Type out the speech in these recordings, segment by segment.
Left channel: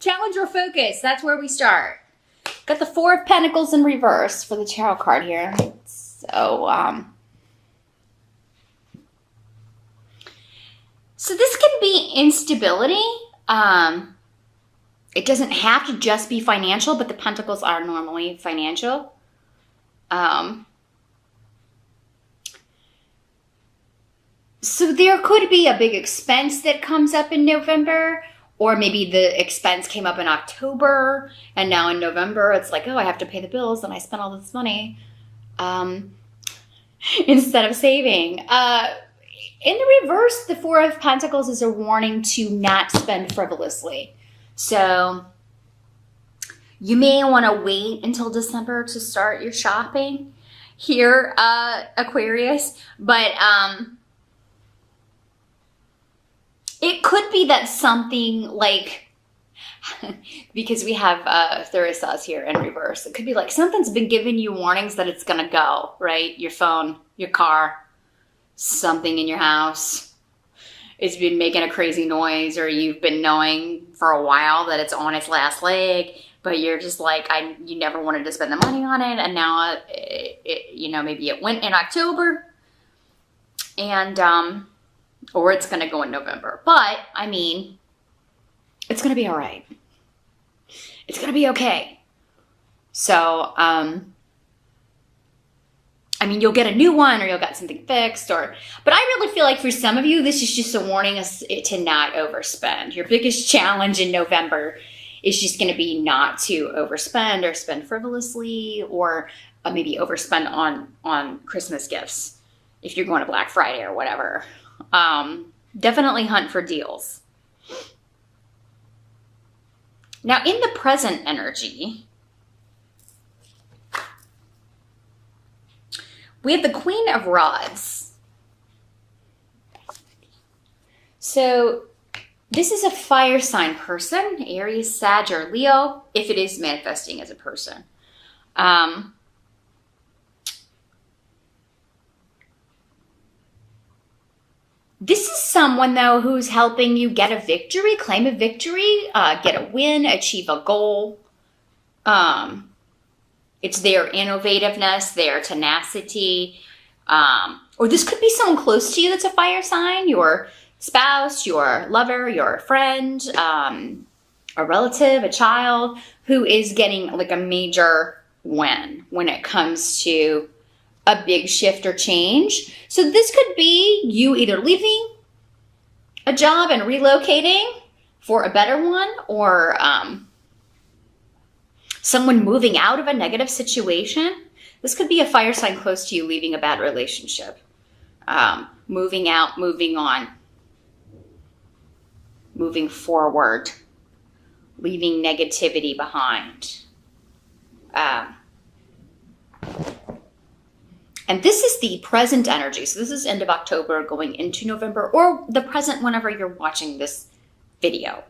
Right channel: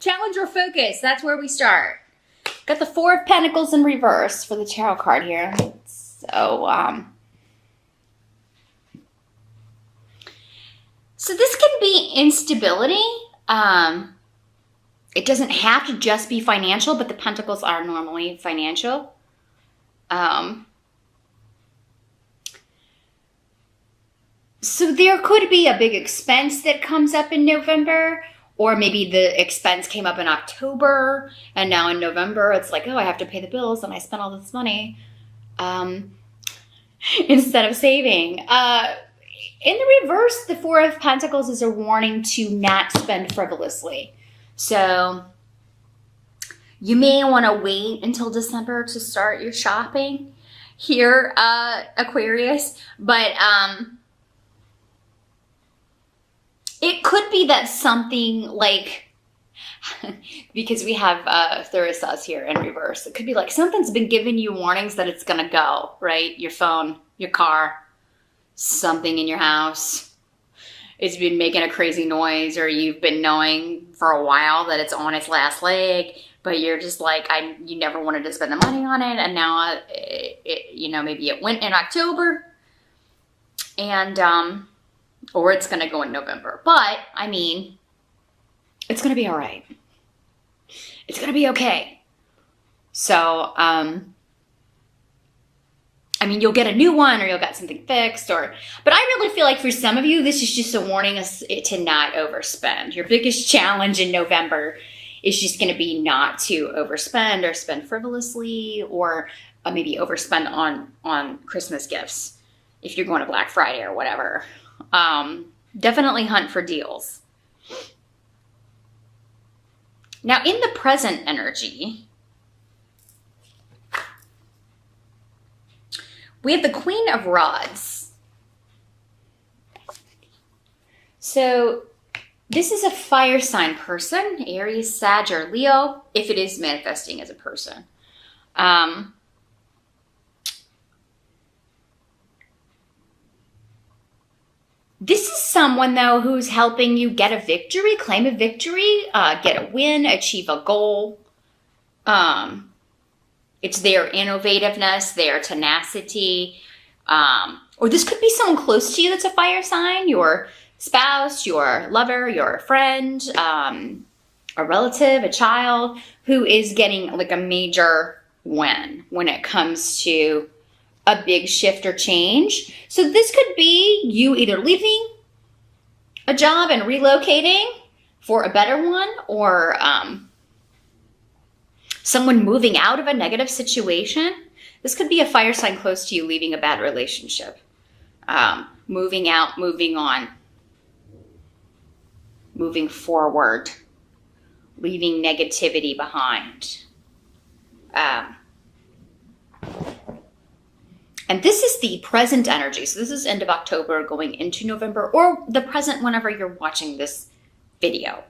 Challenge or focus. That's where we start. Got the Four of Pentacles in reverse for the tarot card here. So this can be instability. It doesn't have to just be financial, but the Pentacles are normally financial. So there could be a big expense that comes up in November, or maybe the expense came up in October, and now in November it's like, oh, I have to pay the bills, and I spent all this money instead of saving. In the reverse, the Four of Pentacles is a warning to not spend frivolously. So you may want to wait until December to start your shopping here, Aquarius. But it could be that something like, because we have Therisas here in reverse, it could be like something's been giving you warnings that it's going to go, right? Your phone, your car, something in your house. It's been making a crazy noise, or you've been knowing for a while that it's on its last leg, but you're just like, you never wanted to spend the money on it, and now maybe it went in October, and or it's gonna go in November. But I mean, it's gonna be all right. It's gonna be okay. So I mean, you'll get a new one, or you'll get something fixed, but I really feel like for some of you, this is just a warning to not overspend. Your biggest challenge in November is just going to be not to overspend or spend frivolously, or maybe overspend on Christmas gifts if you're going to Black Friday or whatever. Definitely hunt for deals. Now, in the present energy, we have the Queen of Rods. So this is a fire sign person, Aries, Sag, or Leo, if it is manifesting as a person. This is someone, though, who's helping you get a victory, claim a victory, get a win, achieve a goal. It's their innovativeness, their tenacity, or this could be someone close to you that's a fire sign, your spouse, your lover, your friend, a relative, a child, who is getting like a major win when it comes to a big shift or change. So this could be you either leaving a job and relocating for a better one, or someone moving out of a negative situation. This could be a fire sign close to you leaving a bad relationship. Moving out, moving on, moving forward, leaving negativity behind. And this is the present energy. So this is end of October going into November, or the present whenever you're watching this video.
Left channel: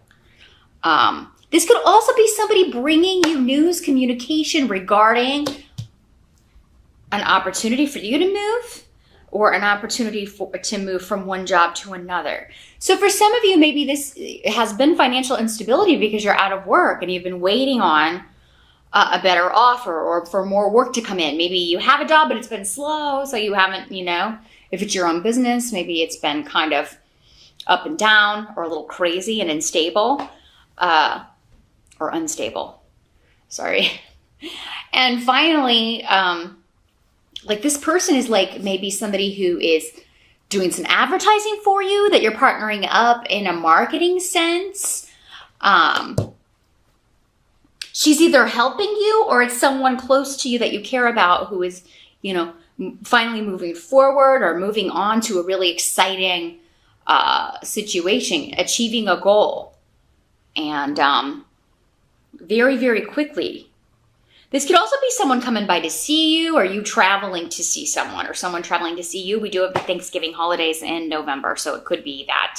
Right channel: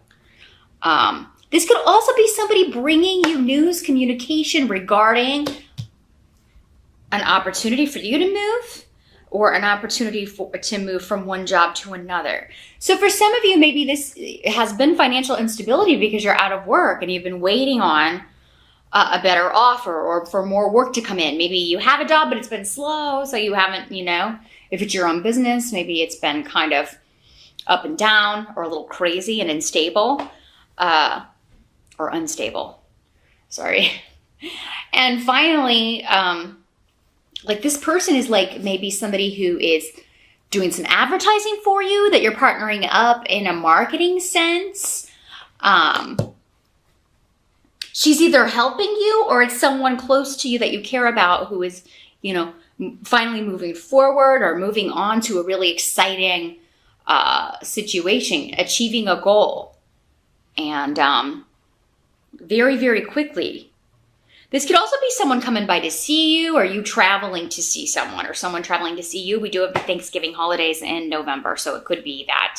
This could also be somebody bringing you news, communication regarding an opportunity for you to move, or an opportunity to move from one job to another. So for some of you, maybe this has been financial instability because you're out of work and you've been waiting on a better offer, or for more work to come in. Maybe you have a job, but it's been slow, so you haven't, if it's your own business, maybe it's been kind of up and down, or a little crazy and unstable. Or unstable, sorry. And finally, like this person is like maybe somebody who is doing some advertising for you, that you're partnering up in a marketing sense. She's either helping you, or it's someone close to you that you care about who is, finally moving forward or moving on to a really exciting situation, achieving a goal. And very, very quickly. This could also be someone coming by to see you, or you traveling to see someone, or someone traveling to see you. We do have the Thanksgiving holidays in November, so it could be that,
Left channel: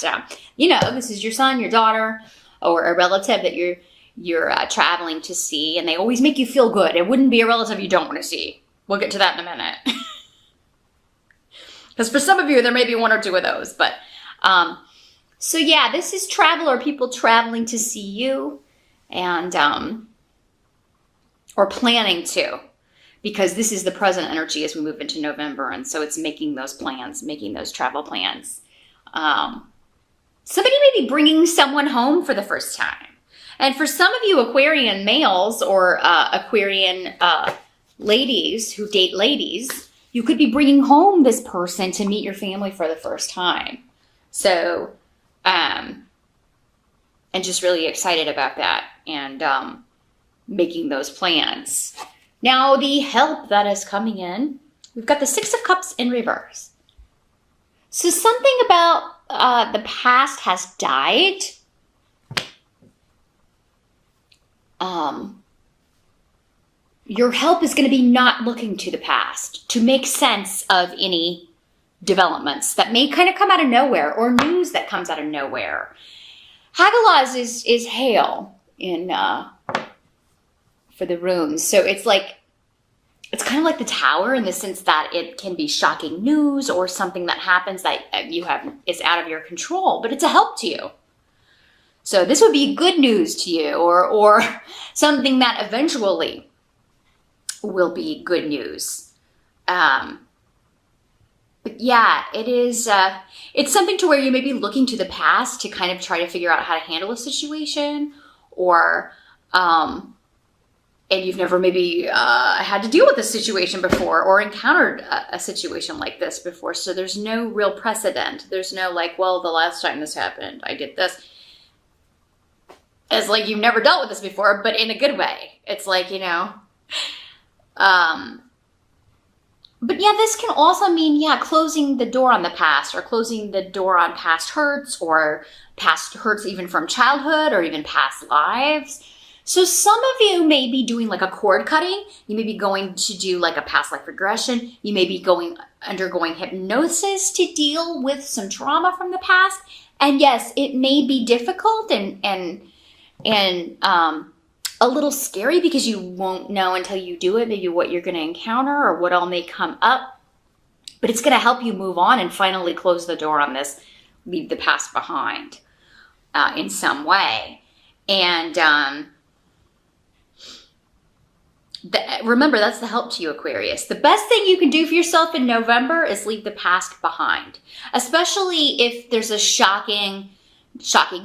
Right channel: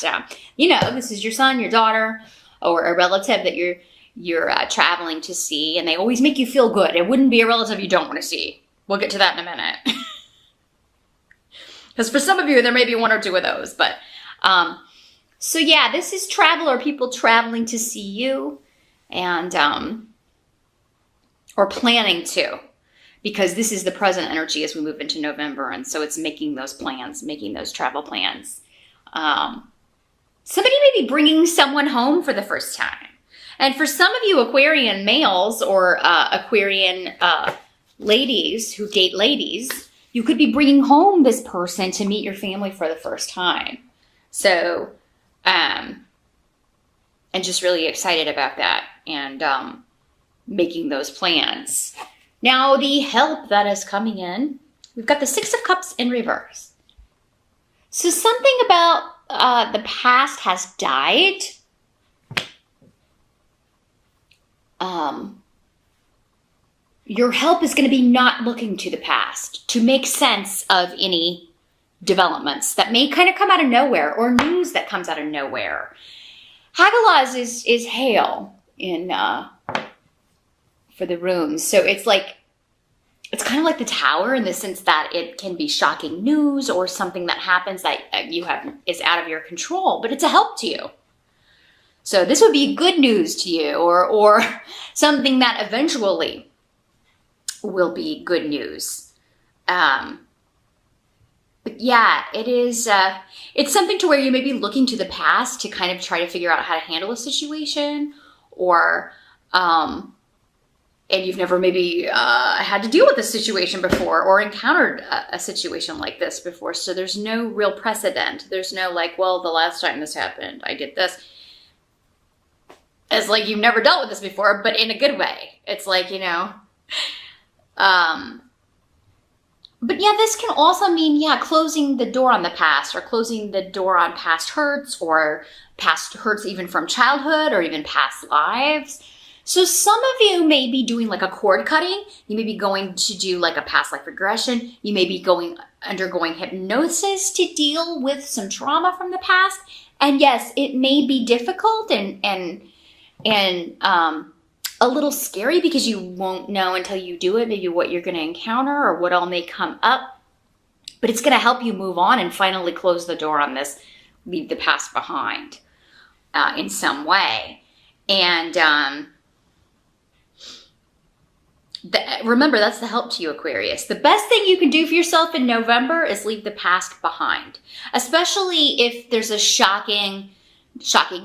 this is your son, your daughter, or a relative that you're traveling to see, and they always make you feel good. It wouldn't be a relative you don't want to see. We'll get to that in a minute. Because for some of you, there may be one or two of those, but so yeah, this is travel, or people traveling to see you. and or planning to, because this is the present energy as we move into November, and so it's making those plans, making those travel plans. Somebody may be bringing someone home for the first time. And for some of you Aquarian males or Aquarian ladies who date ladies, you could be bringing home this person to meet your family for the first time. So, and just really excited about that and making those plans. Now, the help that is coming in, we've got the Six of Cups in reverse. So something about the past has died. Your help is going to be not looking to the past to make sense of any developments that may kind of come out of nowhere or news that comes out of nowhere. Hagalaz is hail in for the runes, so it's kind of like the Tower in the sense that it can be shocking news or something that happens that is out of your control, but it's a help to you. So this would be good news to you, or something that eventually will be good news. But yeah, it is. It's something to where you may be looking to the past to kind of try to figure out how to handle a situation, or and you've never maybe had to deal with a situation before or encountered a situation like this before. So there's no real precedent. There's no well, the last time this happened, I did this. It's like you've never dealt with this before, but in a good way. It's but yeah, this can also mean, closing the door on the past, or closing the door on past hurts, or past hurts even from childhood, or even past lives. So some of you may be doing a cord cutting. You may be going to do a past life regression. You may be undergoing hypnosis to deal with some trauma from the past. And yes, it may be difficult and a little scary because you won't know until you do it, maybe what you're going to encounter or what all may come up. But it's going to help you move on and finally close the door on this, leave the past behind in some way. And remember, that's the help to you, Aquarius. The best thing you can do for yourself in November is leave the past behind, especially if there's a shocking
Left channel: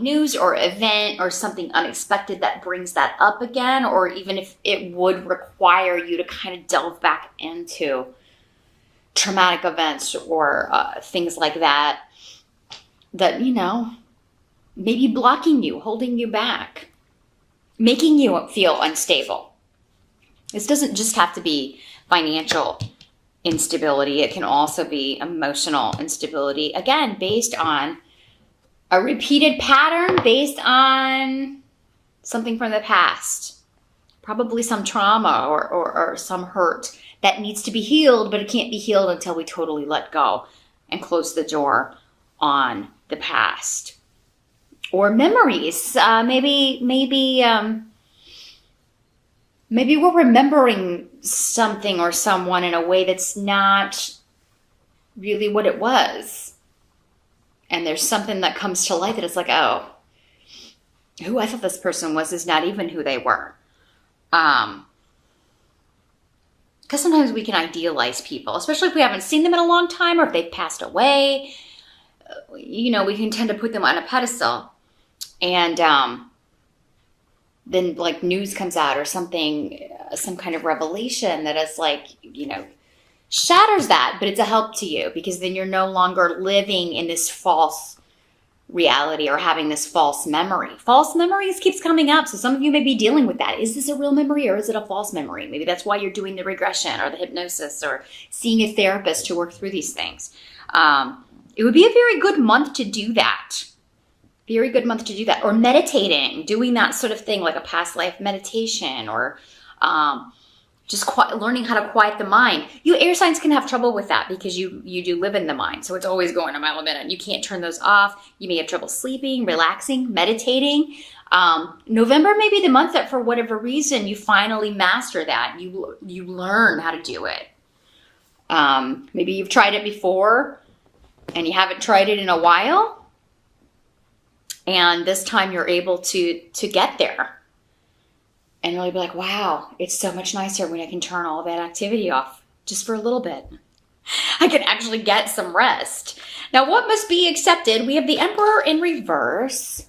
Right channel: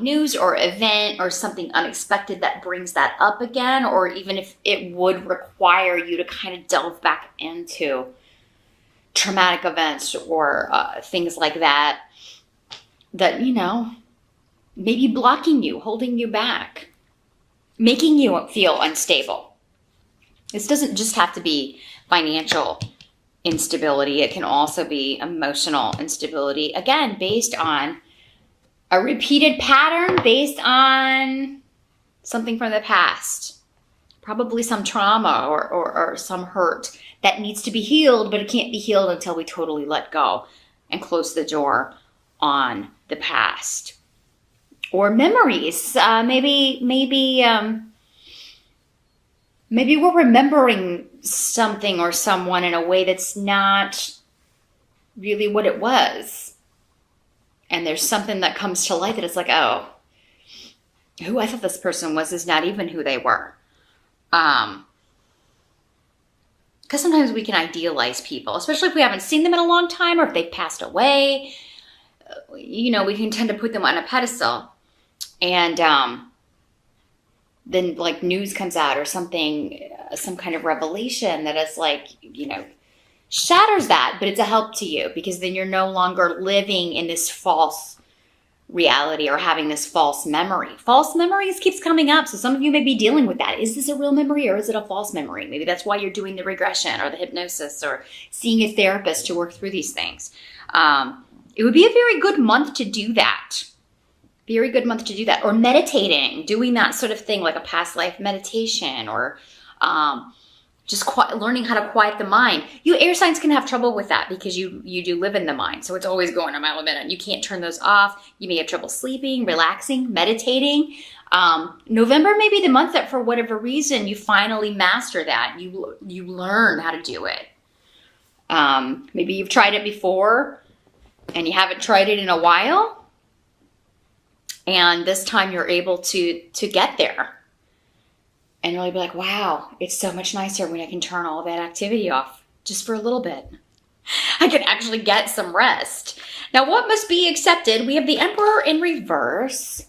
news or event or something unexpected that brings that up again, or even if it would require you to kind of delve back into traumatic events or things like that maybe blocking you, holding you back, making you feel unstable. This doesn't just have to be financial instability. It can also be emotional instability, again, based on a repeated pattern, based on something from the past, probably some trauma or some hurt that needs to be healed, but it can't be healed until we totally let go and close the door on the past. Or memories. Maybe we're remembering something or someone in a way that's not really what it was. And there's something that comes to light that it's oh, who I thought this person was is not even who they were. Because sometimes we can idealize people, especially if we haven't seen them in a long time or if they've passed away. We can tend to put them on a pedestal. And then news comes out or something, some kind of revelation that is shatters that, but it's a help to you because then you're no longer living in this false reality or having this false memory. False memories keeps coming up. So some of you may be dealing with that. Is this a real memory or is it a false memory? Maybe that's why you're doing the regression or the hypnosis or seeing a therapist to work through these things. It would be a very good month to do that. Very good month to do that. Or meditating, doing that sort of thing, like a past life meditation, or just learning how to quiet the mind. You air signs can have trouble with that because you do live in the mind. So it's always going a mile a minute. You can't turn those off. You may have trouble sleeping, relaxing, meditating. November may be the month that for whatever reason you finally master that. You learn how to do it. Maybe you've tried it before and you haven't tried it in a while. And this time you're able to get there. And you'll be like, wow, it's so much nicer when I can turn all that activity off just for a little bit. I can actually get some rest. Now, what must be accepted? We have the Emperor in reverse.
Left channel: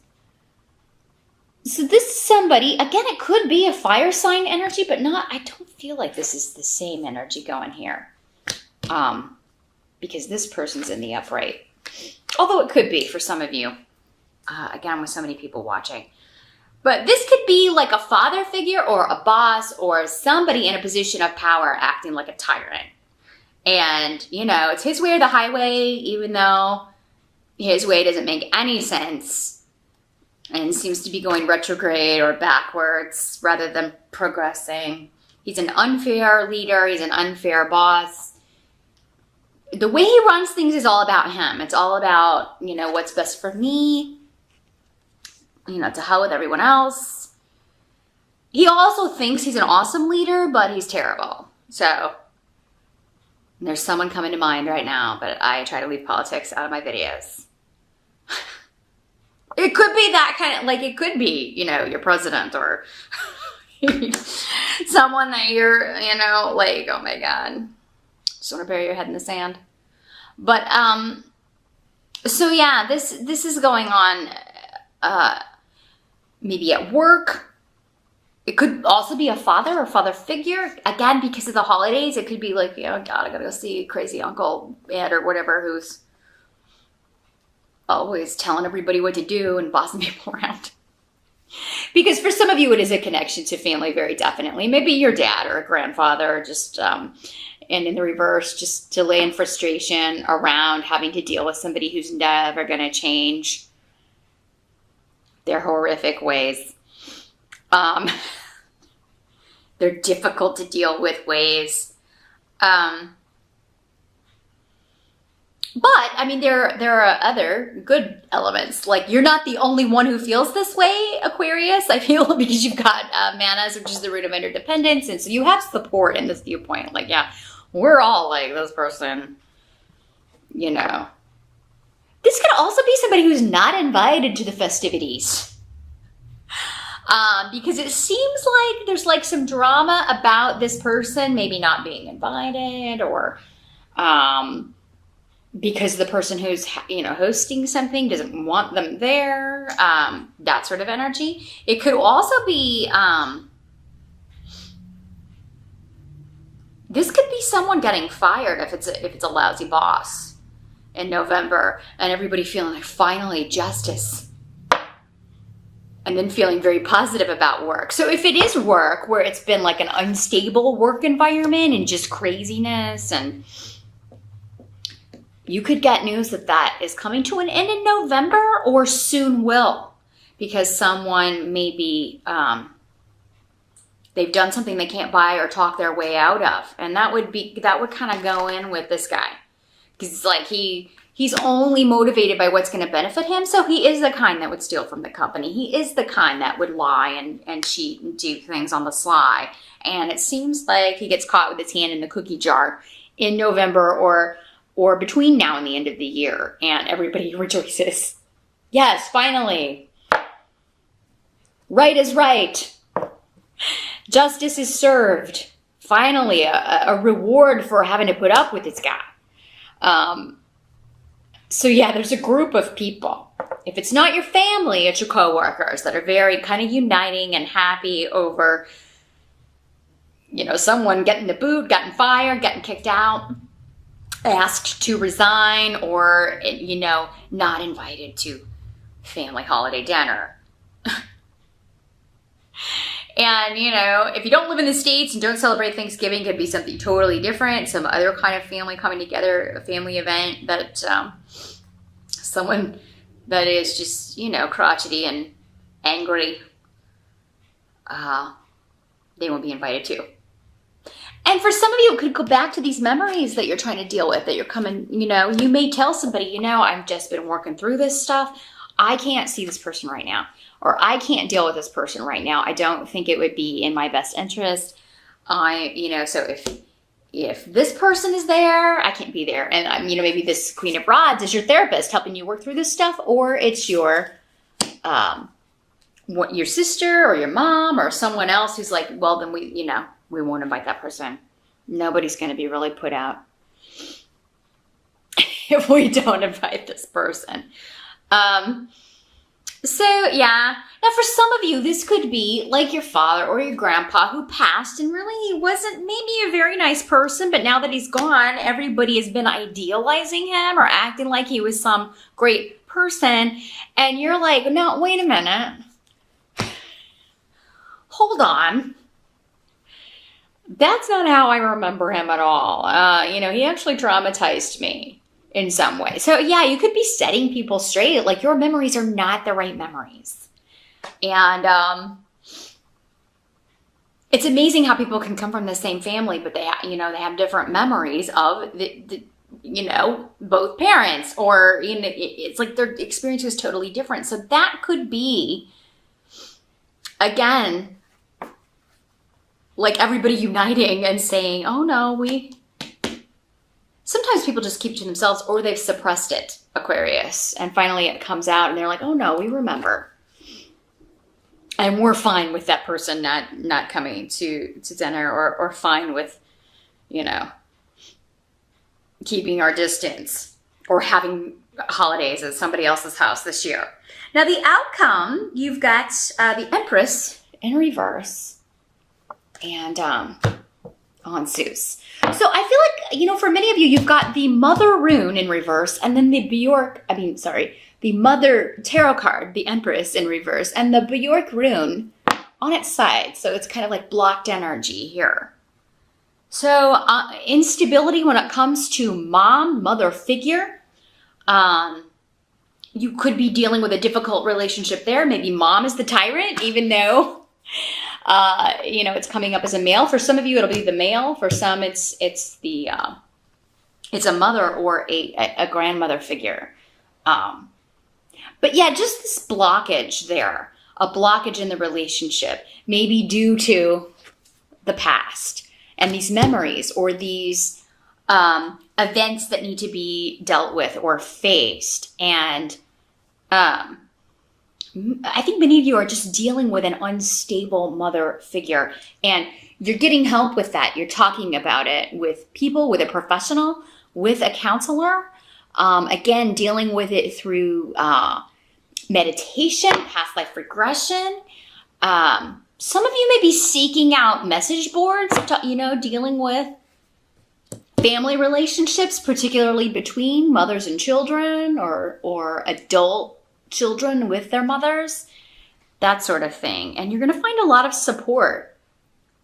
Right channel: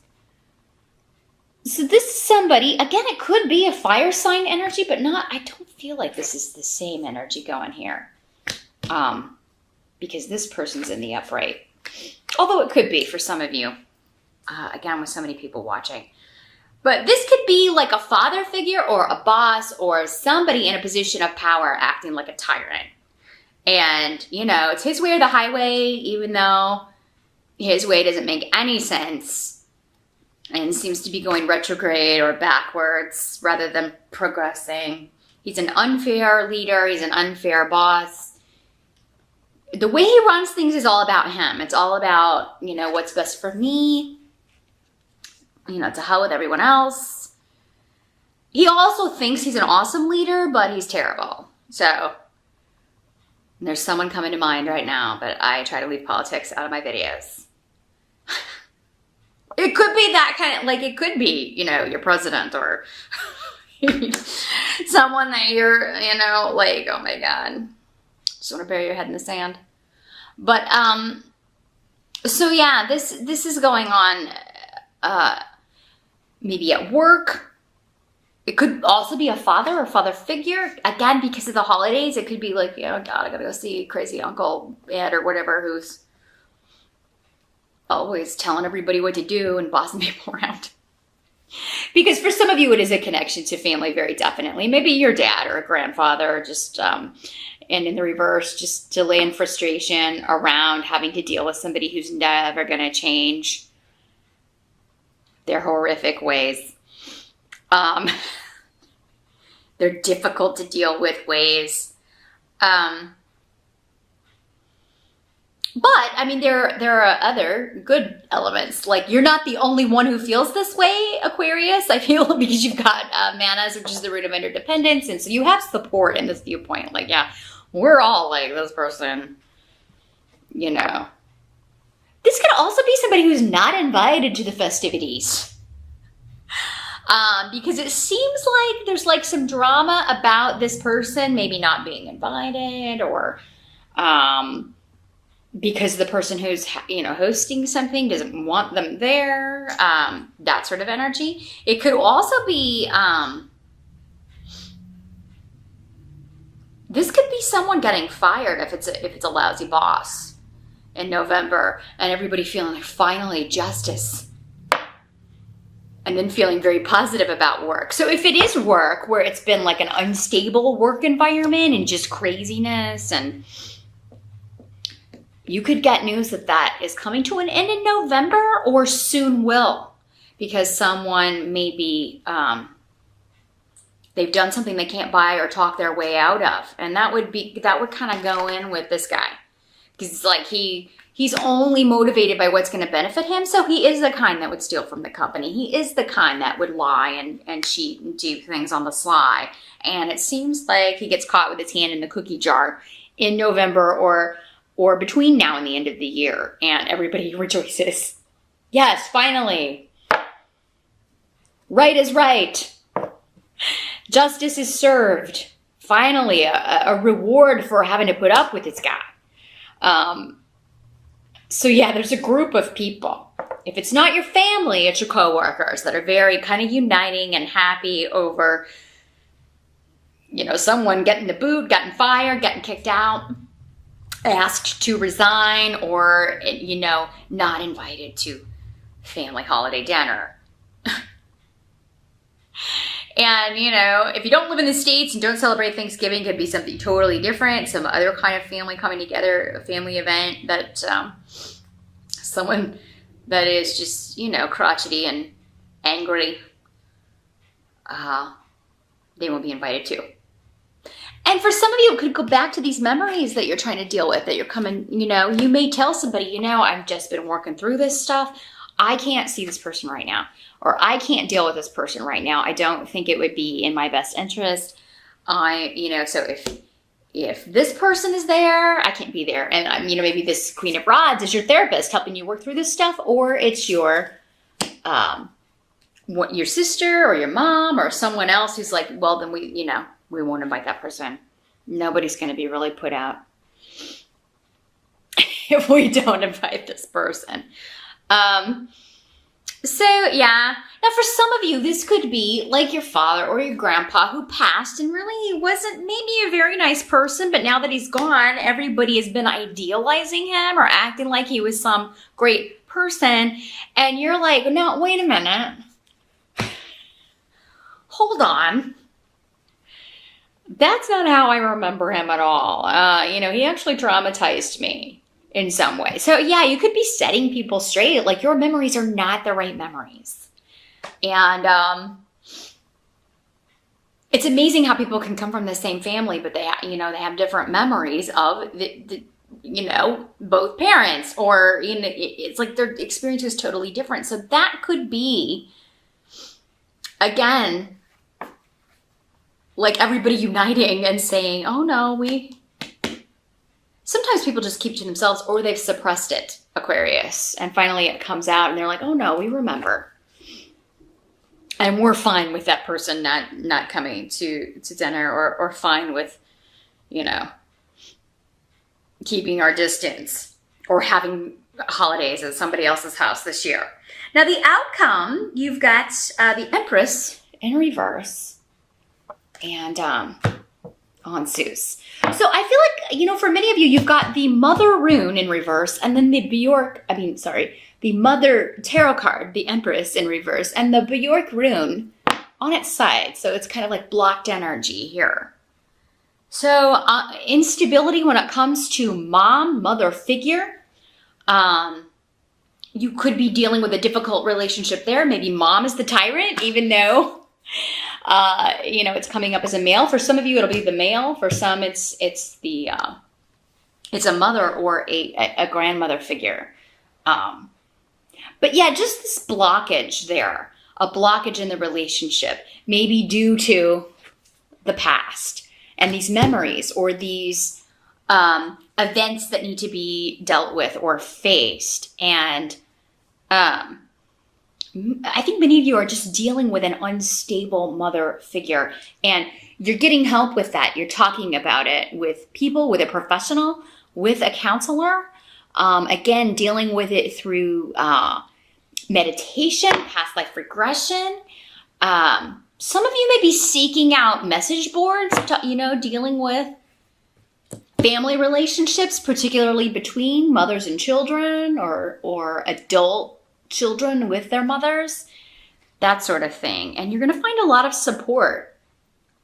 So this is somebody, again, it could be a fire sign energy, but I don't feel like this is the same energy going here. Because this person's in the upright. Although it could be for some of you. Again, with so many people watching. But this could be like a father figure or a boss or somebody in a position of power acting like a tyrant. And, it's his way or the highway, even though his way doesn't make any sense and seems to be going retrograde or backwards rather than progressing. He's an unfair leader. He's an unfair boss. The way he runs things is all about him. It's all about, what's best for me. To hell with everyone else. He also thinks he's an awesome leader, but he's terrible. So there's someone coming to mind right now, but I try to leave politics out of my videos. It could be that kind of, it could be, your president or someone that you're, oh my God. Just want to bury your head in the sand. But, so yeah, this is going on, maybe at work. It could also be a father or father figure. Again, because of the holidays, it could be like, God, I gotta go see crazy Uncle Ed or whatever who's always telling everybody what to do and bossing people around. Because for some of you, it is a connection to family, very definitely. Maybe your dad or a grandfather, just, and in the reverse, just delay and frustration around having to deal with somebody who's never gonna change their horrific ways. They're difficult to deal with ways. But, there are other good elements. Like, you're not the only one who feels this way, Aquarius. I feel because you've got Manas, which is the root of interdependence. And so you have support in this viewpoint. Like, yeah, we're all like this person, This could also be somebody who's not invited to the festivities. Because it seems like there's some drama about this person maybe not being invited or because the person who's, hosting something doesn't want them there, that sort of energy. It could also be, this could be someone getting fired if it's a lousy boss in November and everybody feeling like finally justice. And then feeling very positive about work. So if it is work where it's been like an unstable work environment and just craziness, and you could get news that is coming to an end in November or soon will, because someone maybe they've done something they can't buy or talk their way out of, and that would kind of go in with this guy, because it's like he's only motivated by what's going to benefit him. So he is the kind that would steal from the company. He is the kind that would lie and cheat and do things on the sly. And it seems like he gets caught with his hand in the cookie jar in November or between now and the end of the year. And everybody rejoices. Yes, finally. Right is right. Justice is served. Finally, a reward for having to put up with this guy. So yeah, there's a group of people. If it's not your family, it's your coworkers that are very kind of uniting and happy over, someone getting the boot, getting fired, getting kicked out, asked to resign, or, not invited to family holiday dinner. And, if you don't live in the States and don't celebrate Thanksgiving, it could be something totally different. Some other kind of family coming together, a family event that someone that is just, crotchety and angry, they won't be invited to. And for some of you, it could go back to these memories that you're trying to deal with, that you're coming, you may tell somebody, I've just been working through this stuff. I can't see this person right now. Or I can't deal with this person right now. I don't think it would be in my best interest. So if this person is there, I can't be there. And, maybe this Queen of Rods is your therapist helping you work through this stuff. Or it's your your sister or your mom or someone else who's like, well, then we won't invite that person. Nobody's going to be really put out if we don't invite this person. So yeah. Now for some of you, this could be like your father or your grandpa who passed and really he wasn't maybe a very nice person, but now that he's gone, everybody has been idealizing him or acting like he was some great person. And you're like, no, wait a minute. Hold on. That's not how I remember him at all. He actually traumatized me in some way. So yeah, you could be setting people straight. Like your memories are not the right memories. And it's amazing how people can come from the same family, but they have different memories of both parents, or it's like their experience is totally different. So that could be, again, like everybody uniting and saying, oh no, sometimes people just keep to themselves or they've suppressed it, Aquarius, and finally it comes out and they're like, oh no, we remember. And we're fine with that person not coming to dinner, or fine with, keeping our distance or having holidays at somebody else's house this year. Now the outcome, you've got the Empress in reverse and on Zeus. So I feel like, for many of you, you've got the Mother rune in reverse and then the Mother tarot card, the Empress in reverse, and the Bjork rune on its side. So it's kind of like blocked energy here. So instability when it comes to mother figure. You could be dealing with a difficult relationship there. Maybe mom is the tyrant, even though, it's coming up as a male. For some of you, it'll be the male. For some, it's a mother or a grandmother figure. But yeah, just this blockage there, a blockage in the relationship, maybe due to the past and these memories or these events that need to be dealt with or faced. And I think many of you are just dealing with an unstable mother figure, and you're getting help with that. You're talking about it with people, with a professional, with a counselor. Again, dealing with it through meditation, past life regression. Some of you may be seeking out message boards, dealing with family relationships, particularly between mothers and children or adult children with their mothers, that sort of thing. And you're going to find a lot of support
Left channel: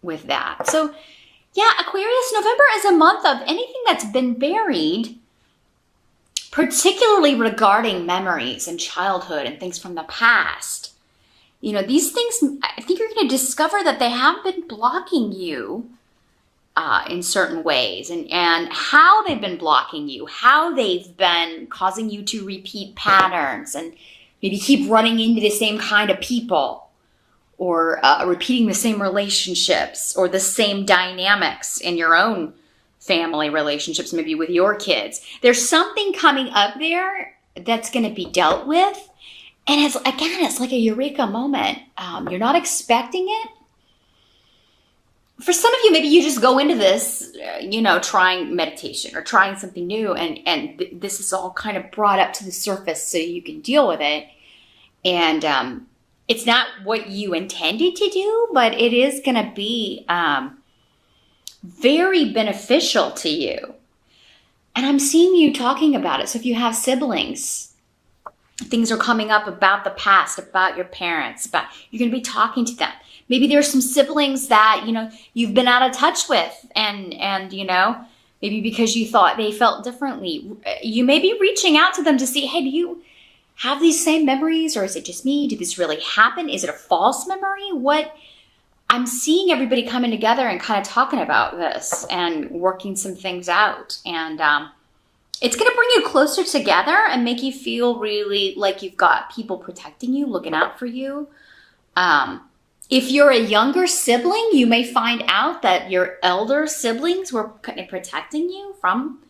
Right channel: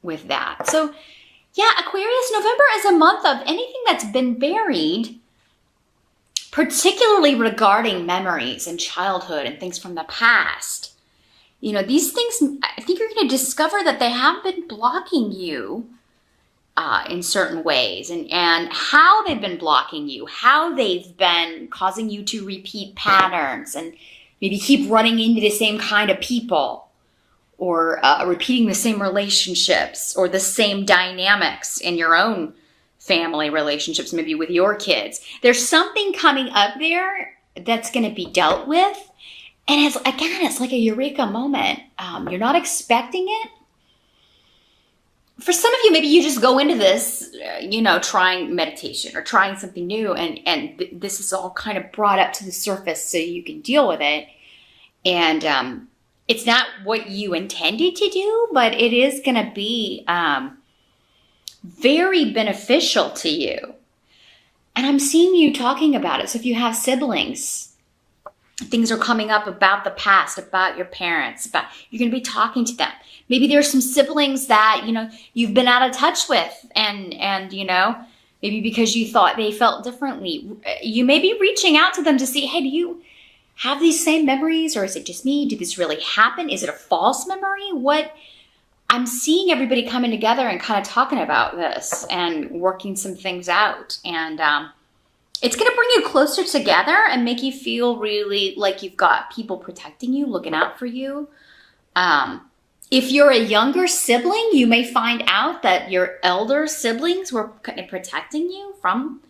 with that. So yeah, Aquarius, November is a month of anything that's been buried, particularly regarding memories and childhood and things from the past. These things, I think you're going to discover that they have been blocking you in certain ways, and how they've been blocking you, how they've been causing you to repeat patterns and maybe keep running into the same kind of people, or repeating the same relationships or the same dynamics in your own family relationships, maybe with your kids. There's something coming up there that's going to be dealt with. And it's like a eureka moment. You're not expecting it. For some of you, maybe you just go into this, trying meditation or trying something new. And this is all kind of brought up to the surface so you can deal with it. And it's not what you intended to do, but it is going to be very beneficial to you. And I'm seeing you talking about it. So if you have siblings, things are coming up about the past, about your parents, you're going to be talking to them. Maybe there's some siblings that, you've been out of touch with and maybe because you thought they felt differently. You may be reaching out to them to see, hey, do you have these same memories, or is it just me? Did this really happen? Is it a false memory? I'm seeing everybody coming together and kind of talking about this and working some things out. And it's going to bring you closer together and make you feel really like you've got people protecting you, looking out for you. If you're a younger sibling, you may find out that your elder siblings were kind of protecting you from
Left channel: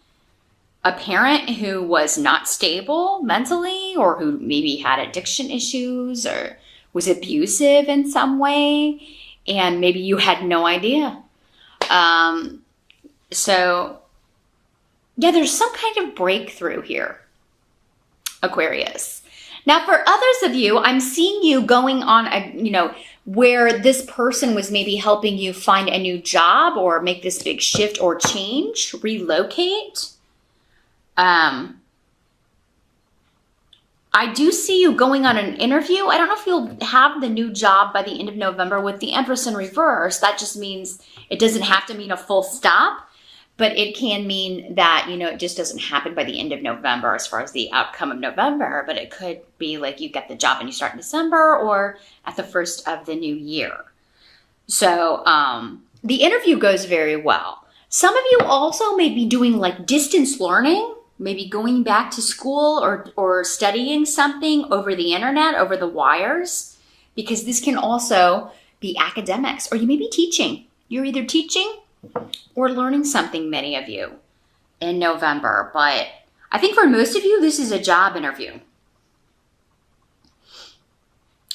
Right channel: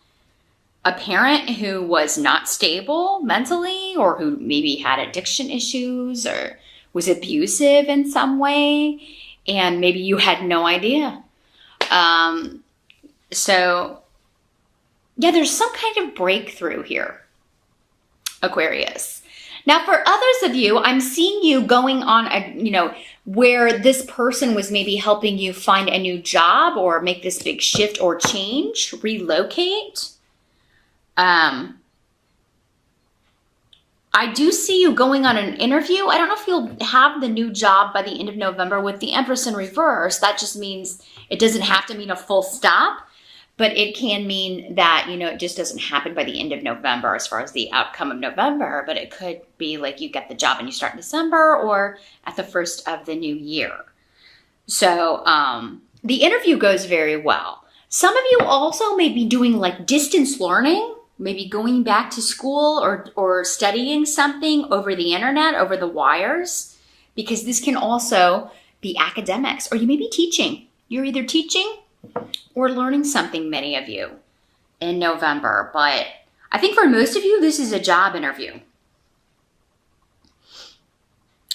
a parent who was not stable mentally, or who maybe had addiction issues or was abusive in some way, and maybe you had no idea. So yeah, there's some kind of breakthrough here, Aquarius. Now, for others of you, I'm seeing you going on where this person was maybe helping you find a new job or make this big shift or change, relocate. I do see you going on an interview. I don't know if you'll have the new job by the end of November with the Empress in reverse. That just means it doesn't have to mean a full stop, but it can mean that, it just doesn't happen by the end of November as far as the outcome of November, but it could be like you get the job and you start in December or at the first of the new year. So the interview goes very well. Some of you also may be doing like distance learning, maybe going back to school or studying something over the internet, over the wires, because this can also be academics, or you may be teaching. You're either teaching or learning something, many of you, in November. But I think for most of you, this is a job interview.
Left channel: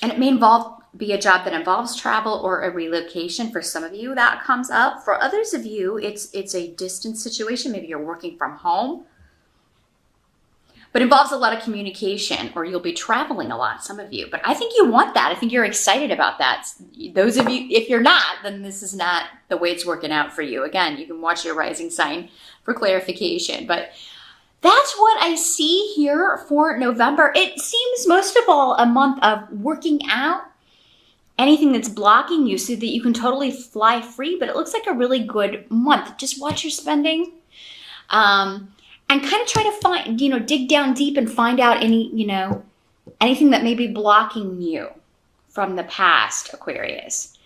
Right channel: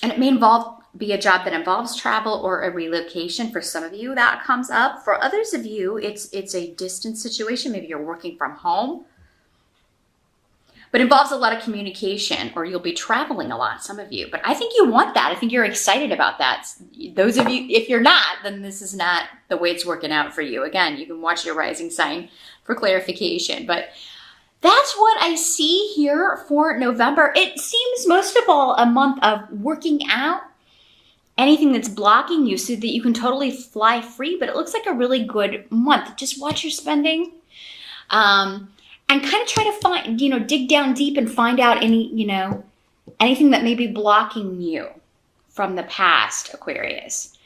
And it may be a job that involves travel or a relocation. For some of you, that comes up. For others of you, it's a distance situation. Maybe you're working from home, but it involves a lot of communication, or you'll be traveling a lot, some of you. But I think you want that. I think you're excited about that. Those of you, if you're not, then this is not the way it's working out for you. Again, you can watch your rising sign for clarification. But that's what I see here for November. It seems most of all a month of working out anything that's blocking you so that you can totally fly free. But it looks like a really good month. Just watch your spending. And kind of try to find, dig down deep and find out anything that may be blocking you from the past, Aquarius.